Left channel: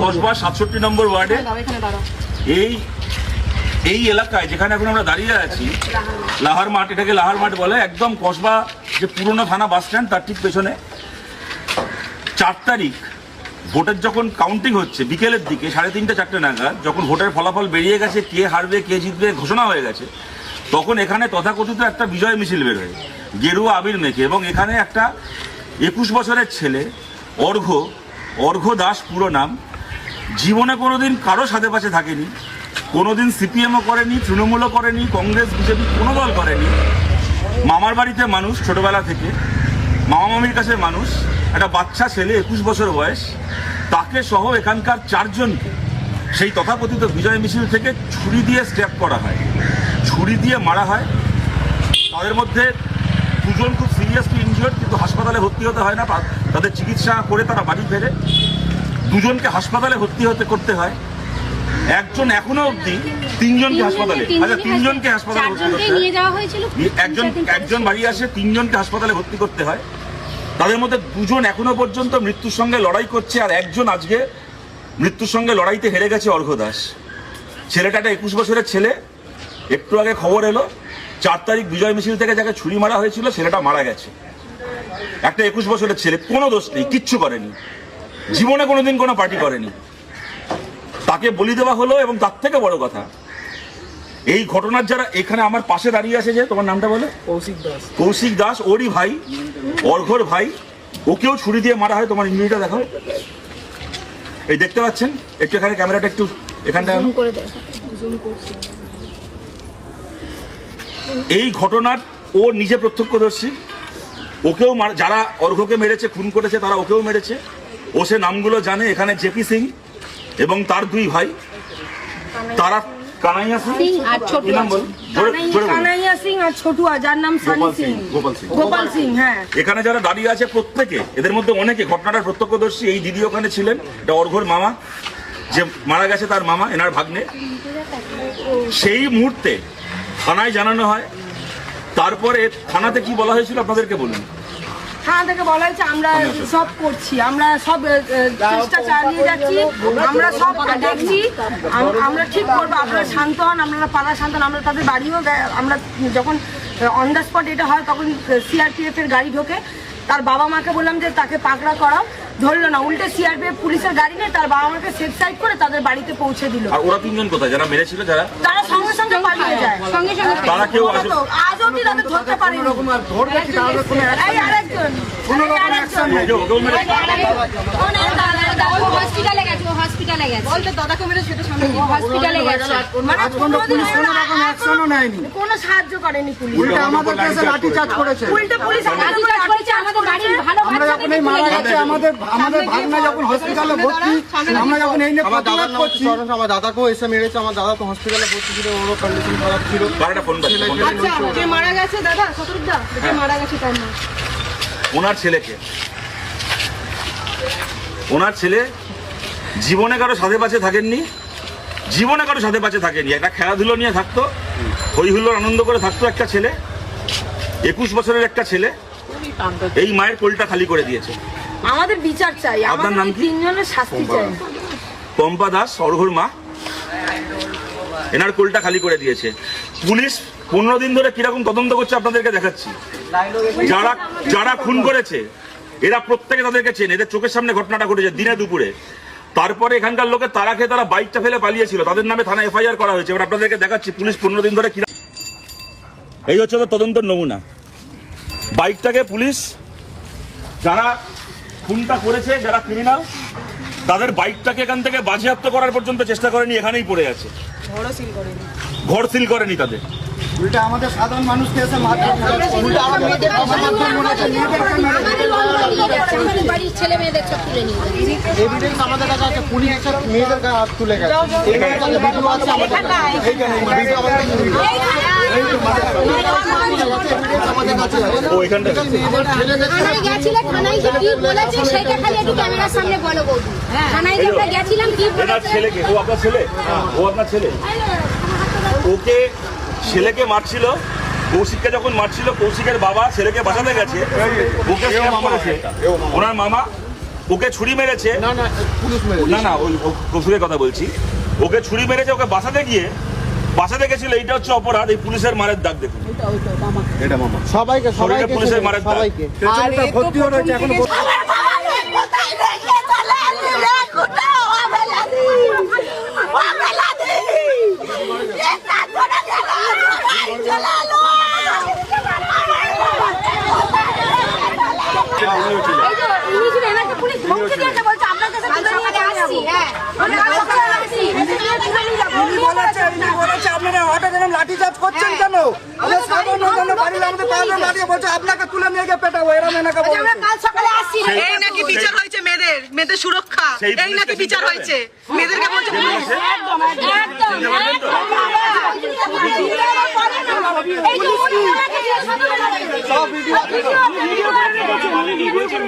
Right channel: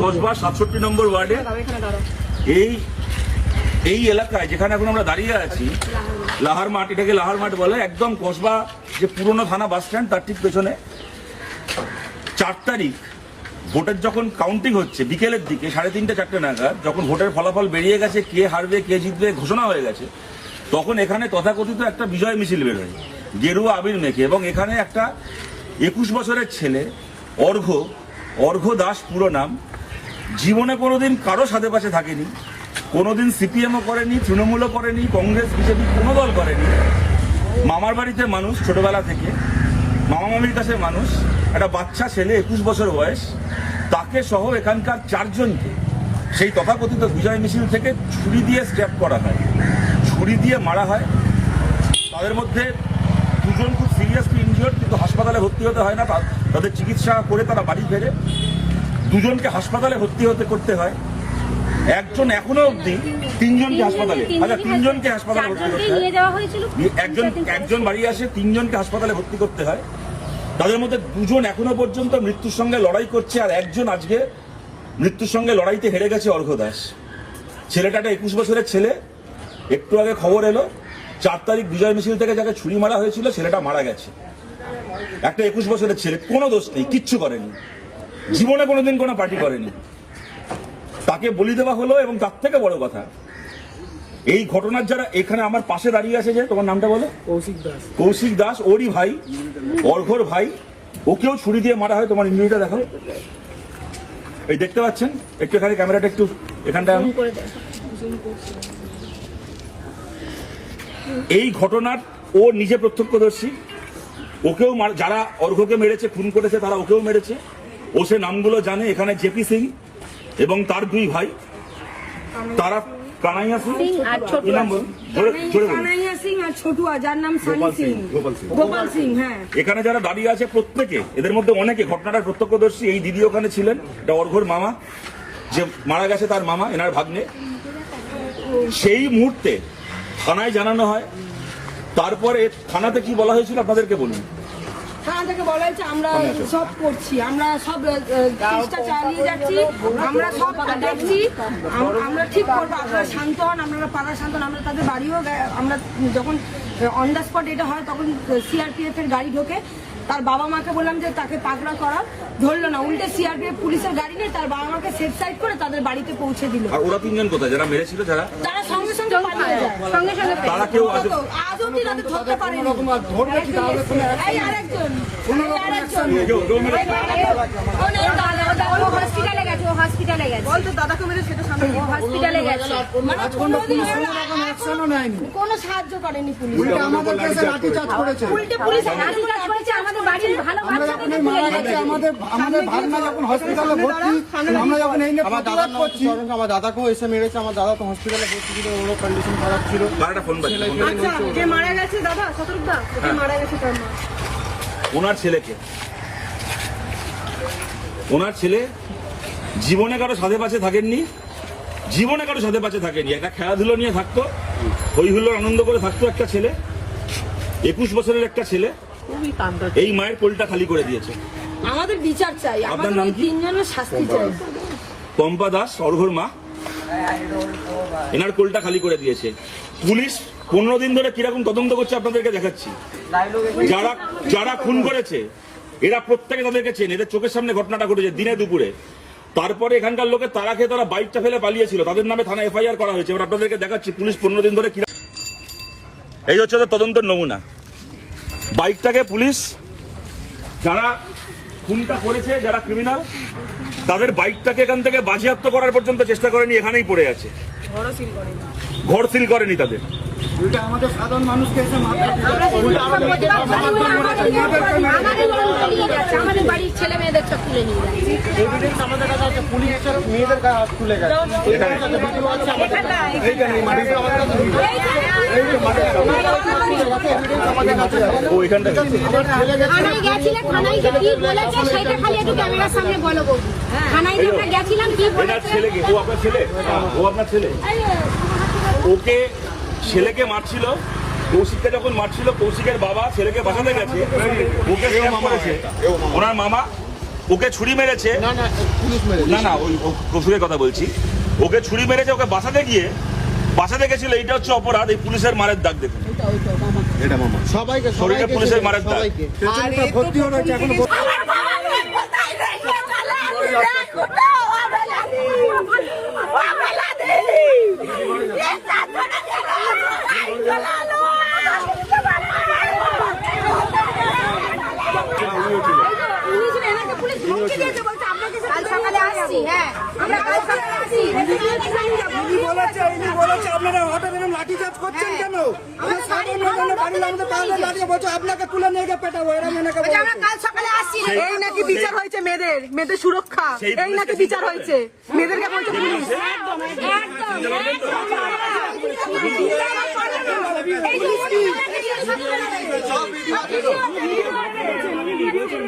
কসবা ৬৭ নম্বর ওয়ার্ডে এই এলাকায় যেখানে এখন আমরা দাঁড়িয়ে আছি, লাহার মাঠ, এটাকে লাহার মাঠ বলে, একদম কসবা যে পুরনো থানা বাস স্ট্যান্ড তার ঠিক পেছনে ৪ তারিখ ভোটের যখন কাউন্টিং হচ্ছে বিকেলের দিকে 3:30 4টে নাগাদ, যখন ভোটের ফলাফল বেরিয়ে গেছে, কে হারবে কে জিতবে ঘোষণা হয়ে গেছে, তখন এখানে তথাকথিত একটা বিজয় মিছিল বেরোয় গেরুয়া আবির মেখে, এবং এখানে একটা 21 বছরের ছেলে অর্ঘ্য দাস পুরো নাম, জীবনে কোনোদিন কারো সাথে পাশে থাকেনি, কোনোদিন সিপিএমও করেনি, তৃণমূলও করেনি, কংগ্রেস বিজেপি কোনো দল করেনি, মামার বাড়িতে মানুষ ছোটবেলা থেকে, মামা মামির কাছে মানুষ, একটা বাচ্চা ছেলে 21 বছর বয়স, তাকে সহ এখানকার 4 জনকে সেই তথাকথিত বিজয় মিছিল থেকে ছুরি দিয়ে স্ট্যাপ করা হয়, ছুরি দিয়ে মারা হয়। তাদের মধ্যে 2 জন খুব সিরিয়াসলি ইনজিওর্ড, কিন্তু হাসপাতালে ভর্তি হতে হয় না, তাদের চিকিৎসা করে তারা বাড়ি ফেরে। 2 জনকে হাসপাতালে ভর্তি করতে হয়। একজন এখনো অবধি 3 জনকে হাসপাতালে, 3 জনকে হাসপাতালে ভর্তি করতে হয়। একজন বাড়ি আসে, 3 জনকে হাসপাতালে ভর্তি করতে হয়। তাদের মধ্যে 2 জন এখনো পর্যন্ত মৃত্যুর সঙ্গে লড়াই করছে, আর একজন আজকে মৃত্যুর সঙ্গে লড়াইতে হেরে গেছে, অর্ঘ্য দাস। ছেলেটা একটা 21 বছরের ছেলে। একটু আগে খবর এলো 4 তারিখ বিজয় মিছিল থেকে যাকে ছুরি মারা হয়েছিল ছেলেটা মারা গেছে। একটা 21 বছরের ছেলে, কোনো দোষ নেই, কিচ্ছু করেনি, জীবনে কোনোদিন কোনো পার্টি করেনি, তাকে বলি দেওয়া হলো। এবং তার থেকে বড় কথা, এই ঘটনার যারা এখানে আমার পাশে দাঁড়িয়ে আছে, যে তোমার নামটা বলে, কৌশিক দাস, ওরই ভাই, অর্ঘ্যর ভাই, ওকেও ছুরি দিয়ে মারা হয়। তোমার ইঞ্জুরিটা দেখো, এই দেখতে পাচ্ছেন, একটু এখানে ক্যামেরাটা একটু এখানটা আনো। এই ঘটনার ও নিজে প্রত্যক্ষদর্শী, ওকেও যারা অর্ঘ্যকে মেরেছে, খুন করেছে, তারা ওকেও মেরেছে। ও সে নামগুলো জানে। এখানে জেপি সিং এবং তার 2 ভাই, তারা কানাইয়া সিং আর ছোটুয়া, যার নাম গোপাল সিং। হ্যাঁ, এখানে যারা দাঁড়িয়ে আছে প্রত্যেকে, এদের মধ্যে অনেকে ঘটনাটার প্রত্যক্ষদর্শী। এই দিদি ওখানে ছিলেন, এটা অর্ঘ্যর মামা, যে মারা গেছে তার মামা, এনার ভাগ্নে। সেই মুহূর্তে থানায় জানানো হয়। তারপরে থানাতে কি বলা হয়েছিল আপনাদেরকে বলুন। থানা থেকে বলা হয়েছে আমরা সব করছি, আমরা সব চেষ্টা চালিয়ে যাচ্ছি, আমরা সব দেখছি, আমরা ঠিক করবো, আপনারা শান্ত হন, আপনারা পাড়া শান্ত হন। আমরা তাদের বাড়িও, আমরা যখন অন দ্য স্পট এটা হয় তখন সিআরপিএফ এর গাড়ি ঢোকে। তার বাবা মাকে বললাম যে তাকে পাকড়া করাও, ধরলো না, উল্টে সিআরপিএফ পুলিশের গাড়ি নিয়ে তার বাবা মাকে সেফ সাইড করে তাদের বাড়িতে পৌঁছে দিল। আর ওরা 3 জন কোথায়, যারা মেরেছিল, তারা সঙ্গে সঙ্গে পালিয়ে যায়। তারা কেউ আজ অব্দি তাদের ধরতে পারেনি। এই আরেকজন হসপিটালে গেছে, বলতে দাদাকে মেরে সেটা সামনে হসপিটালে গেছে, মানে কোনো সাহায্য করেনি পুলিশ। আমাদের কাছে লাঠি চার্জ করেছে, উল্টে পুলিশ আমাদের বাড়ি ভালো। আমরা যখন এই মারা গেছে, আমাদের ভাগনা যখন হসপিটালে ভর্তি, আমরা যখন এই নিয়ে প্রতিবাদ করছি, আমার দাদাকেও এসে মেরেছে। আমার দাদা তো হসপিটালে ভর্তি ছিল, ওরও কন্ডিশন খারাপ ছিল। যে মারা গেছে দাদা শতরূপদা, যে মারা গেছে তার নাম, ওনার ছেলে জীবনে কারো সাথে পাশে থাকেননি, একটা খেলাধুলো নিয়ে থাকতো, হই হুল্লোড় আনন্দ করে থাকতো একটা ছেলে, 21 বছরের একটা ছেলে। এই মায়ের কোলটা খালি করে দিয়েছে। আমাদের বিচার চাই, আপনার নাম কি? 3 জনের শাস্তি চাই। পম্পা দাস, অর্ঘ্যর মা, এনার কোলটা খালি করে দিয়েছে। পুলিশ 15 দিন ধরে কিরকম তদন্ত করছে আপনাদেরকে দেখাচ্ছি। যারা খুন করেছে এরা প্রত্যেকে তাদেরকে চেনে, এদের চোখের সামনে ঘটনাটা ঘটেছে দিনে দুপুরে। তারপরে এখানকার লোকের তারা খেয়ে তারা বাইকটা ফেলে পালিয়েছিল, তাদের নামে থানা এফআইআর করা হয়েছে। এবার আপনাদেরকে দেখাচ্ছি পুলিশ 15 দিন ধরে কিরকম। এই হচ্ছে তাদের তদন্তের নমুনা। বাইকটাকে পুলিশ, যারা খুনটা করেছে, যারা ক্রিমিনাল, তাদের বাইকটাকে এখান থেকে বাজেয়াপ্ত করার পর্যন্ত চেষ্টা করেনি, এখানেই পড়ে আছে, ঘর সিল করেনি তাদের। উল্টা আমাদের সাধারণ মানুষকে এসে এভিডেন্স আমাদের কাছে আছে, পুলিশ এসে মেয়েদের তুলে গেছে। ওকে ছেলেকে মারছিল, কৌশিককে যখন মারছিল, কৌশিকের বাবা ছেলেকে বাঁচাতে গেছে, ওকে করেছে ওনার মামা, ওকে ছুরি মেরেছে, না না পুলিশ মেরেছে। না না ওই কসুরের কথা বলছি, ওকে ছুরি মেরেছে, ওকে বাঁচাতে গেছিল, এইটা হচ্ছে অপরাধ। এই পুলিশের মারের দাগ দেখুন, এটা মামা সবাইকে শরীরে পুলিশের মারের দাগ। সবাইকে পেশেন্টটা ভর্তি হয়েছে এখনো আপনারা হঠাৎ এরকম লাঠিচার্জ করছেন কেন? আমরা সাধারণ বাড়ির আমাদের পাড়ার লাঠি বলছে আপনাকে তুলে নিয়ে গিয়ে পেটাবো, এরকম এনাকে বলছে। এই নাকি বিচার হয়েছে মেয়েদের সুরক্ষা, এই নাকি বিচার হয়েছে মেয়েদেরকে বলছে পুলিশ।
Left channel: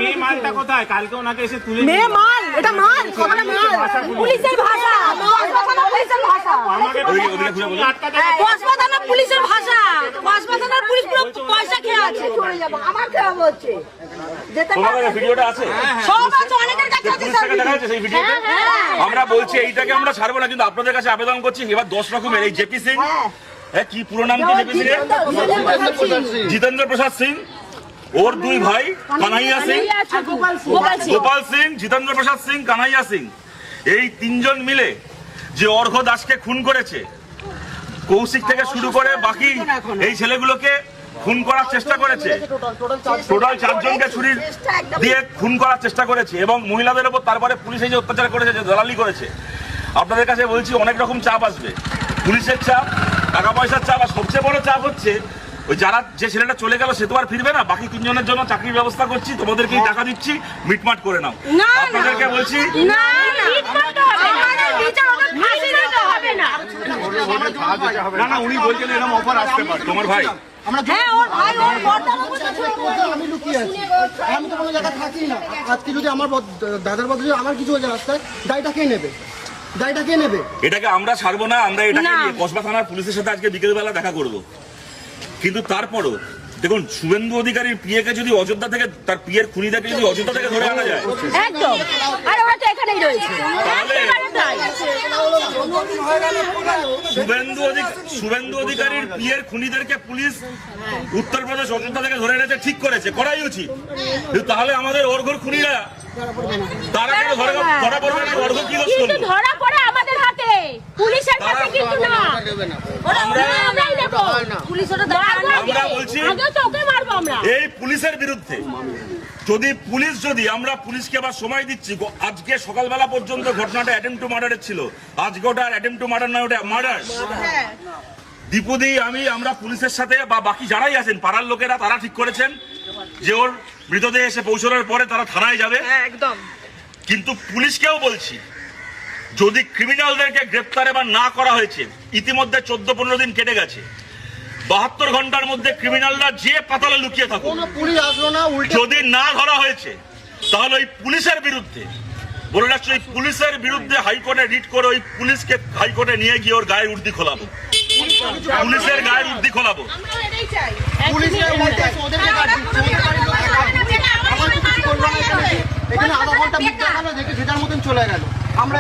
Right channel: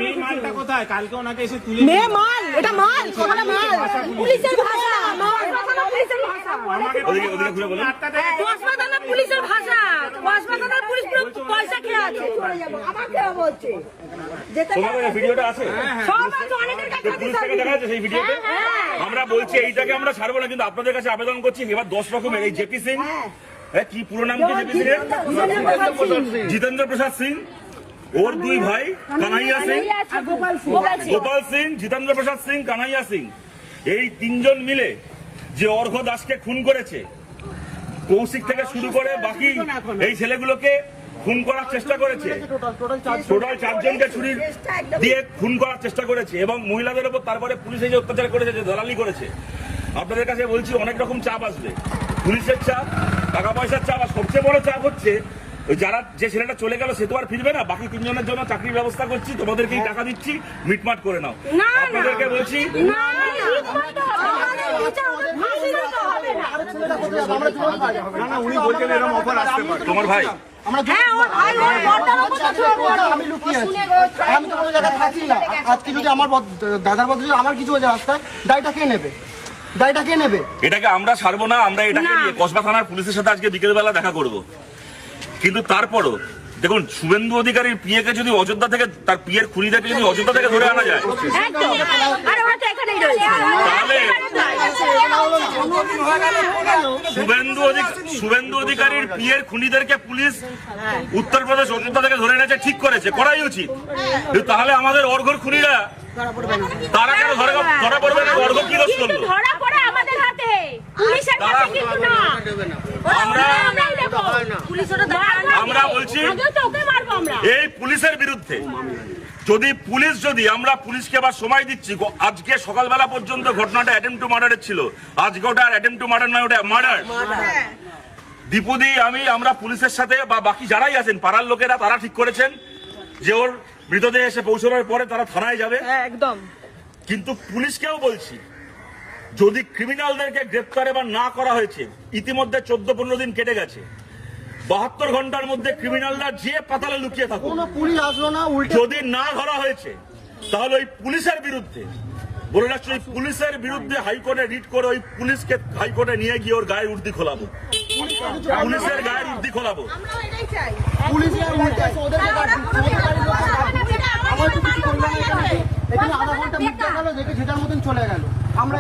মেয়ে মালটা কোথায়? কালকে ওনাকে এসে তুলে মেয়ে মাল, এটা মাল, আমরা মাল, পুলিশের ভাষা, পুলিশের ভাষা, কসবাদানের পুলিশের ভাষা, কসবাদানের পুলিশ পুরো পয়সা খেয়ে আছে। চলে যাবো, আমার খেয়া বলছে যেতে তোমার কাছে ভিডিওটা আছে? সব আছে, অনেকের কাছে আছে। পুলিশ থেকে দেখা যাচ্ছে সেই ভিডিওতে। আমরা বলছি এইটাকে আমরা ছাড়বো না, কিন্তু আপনাদের কাছে আবেদন করছি এবার 10 রকমের এই জেপি সিং, কি পুরো নাম কি জেপি সিং এর? জিতেন্দ্র প্রসাদ সিং, ওর দুই ভাই কানাইয়া সিং, গোপাল সিং, জিতেন্দ্র প্রসাদ সিং, কানাইয়া সিং, এই তিনজন মিলে যে অর্ঘ্য দাসকে খুন করেছে, কৌশিক থেকে শুরু করে বাকি এই ছেলেগুলোকে খুন করার চেষ্টা করেছে। টোটাল 4 জনকে ছুরি দিয়ে খুন করার চেষ্টা করেছে, এবং মহিলাদের উপর তারপরে পুলিশ এই যে অত্যাচার করেছে, যে দালালি করেছে। আপনাদের কাছে বলছি অনেক রকম চাপ আসবে, পুলিশের চাপ, টাকা পয়সার চাপ, আর সবচেয়ে বড় চাপ হচ্ছে ওই যে ছেলেটা চলে গেল সে তো আর ফিরবে না, বাকি 3 জনের জন্য চাকরির ব্যবস্থা করছি, তোমাদেরকেই টাকা দিচ্ছি, মিটমাট করে নাও। আপনাদেরকে বলছি তোমার ভাই আমি লুকিয়ে আছি, আমি তো কোনো জায়গায় থাকি না। আজকে যদি আমার দাদার বদলে আমার কিছু হয়ে যায় রাস্তায়, দায়টা কে নেবে? দায়টা কে নেবে? এটাকে আমরা ছাড়বো না, আমরা এটাকে নিয়ে কসবা থানার পুলিশের সাথে আজকে বিকেলবেলা দেখা করব। কিন্তু তারপরও দেখুন, শুভেন্দু অধিকারীর পিএকে যদি অযোধ্যা থেকে, তার পিএর খুনিদেরকে যদি অযোধ্যা থেকে ধরে আনা যায়, তাহলে শুভেন্দু অধিকারীর পিএর খুনিদেরকে পুলিশ উত্তরপ্রদেশ অযোধ্যা থেকে ধরে এনেছে, ঠিক করেছে, করাই উচিত। কিন্তু তাহলে আমাদের অর্ঘ্যর খুনিরা তারা কেন ধরা পড়বে না? অর্ঘ্য কি দোষ করলো? আমরা বলছি এই পুলিশের বিরুদ্ধে, যদি আমরা পুলিশকে আবার সময় দিচ্ছি, আজকে সকালবেলা পর্যন্ত ঘটনাটা অ্যাটেম্প টু মার্ডারের ছিল, আজকে ওটা অ্যাটেম্প টু মার্ডার নয়, ওটা মার্ডার। দীপুদি আমরা পুলিশের সাথে বা বাকি যারাই আছেন পাড়ার লোকেরা, তারা ঠিক করেছেন যে ওর মৃতদেহ এসে পৌঁছানোর পরে তারা থানায় যাবে। একদম। কিন্তু পুলিশকেও বলছি, যদি ক্রিমিনালদেরকে গ্রেপ্তার এবার না করা হয়েছে, ইতিমধ্যে 14-15 দিন কেটে গেছে, 72 ঘন্টার মধ্যে ক্রিমিনালরা যে পাতালে লুকিয়ে থাকুক, পুলিশ আসলো না, যদি না ধরা হয়েছে, তাহলে ওই পুলিশের বিরুদ্ধে বলে রাখছি, ওই পুলিশের বিরুদ্ধে হাইকোর্টে রিট করে ওই পুলিশকে হাইকোর্টে নিয়ে গিয়ে ওর গায়ের উর্দি খোলাবো, পুলিশের গায়ের উর্দি খোলাবো। এখানে আধা ঘন্টা মিট দেখালো, দেখে যেটার মতন চলে গেল। আমরা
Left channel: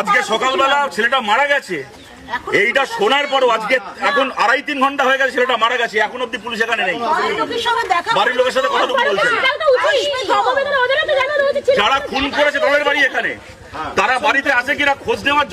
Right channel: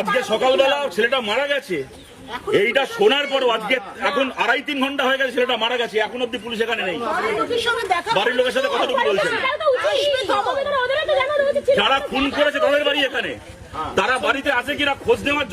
আজকে সকালবেলা ছেলেটা মারা গেছে, এইটা শোনার পরও আজকে এখন 2.5-3 ঘন্টা হয়ে গেছে ছেলেটা মারা গেছে, এখন অব্দি পুলিশ এখানে নেই। বাড়ির লোকের সাথে কতটুকু বলছেন? যারা খুন করেছে তাদের বাড়ি এখানে, তারা বাড়িতে আছে কিনা খোঁজ নেওয়ার জন্য